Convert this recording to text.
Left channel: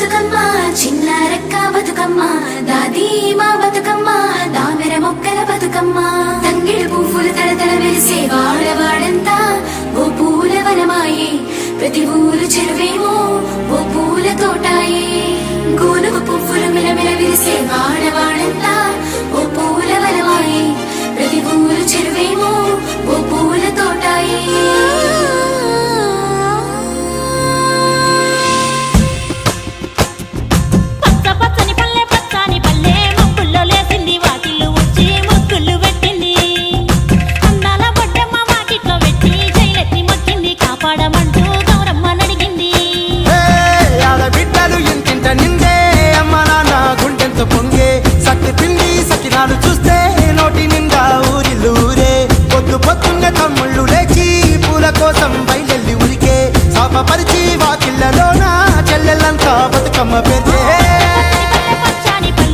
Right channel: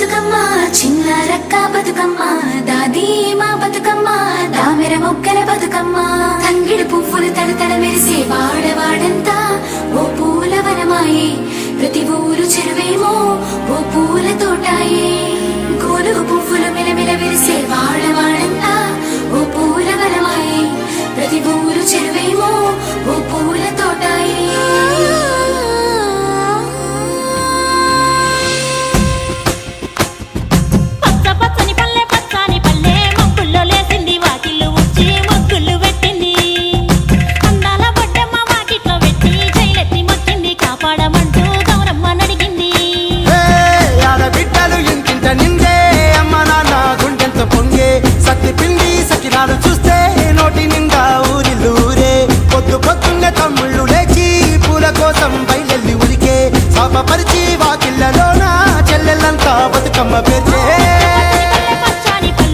బతుకమ్మ చిన్న రక్క బతుకమ్మ దాది మా బతుకమ్మ దామెర మొక్కల బతుకమ్మ తంగిడు పువ్వులు తడతడ మెరిసే వాడవాడంతా ఓ పూల వనమాయే ప్రతి ఊరు చెరువేమో ఓ పూల తోటాయే గోనుగు పువ్వులు మెలమెల విరిసే వాడవాడంతా ఓ పూల వనమాయే ప్రతి ఊరు చెరువేమో ఓ పూల తోటాయే పచ్చని పల్లె పచ్చని పల్లె మబ్బుల్లో లేసింది వాకిళ్ళు ఊడ్చి ముగ్గులు పెట్టింది అందాల బొడ్డమ్మ వాకిట్లో పెట్టి జైలెత్తి మొచ్చింది కాపాడమంటూ గౌరమ్మ నడిగింది ఆడబిడ్డలు ఇంటింట నిందే అమ్మ నాన్న గుండెంత పొంగే సత్తి పిండి సకినాలు చూస్తే నోటి నిండా ఊరిల్లూరే పొద్దున్నే తమ్ముళ్ళు లేచి పూల కోసం బయలెల్లి ఉరికే శాపపరిచి వాకిళ్ళలోన చెల్లెళ్ళంతా బతుకమ్మ పేర్చే పచ్చని పల్లె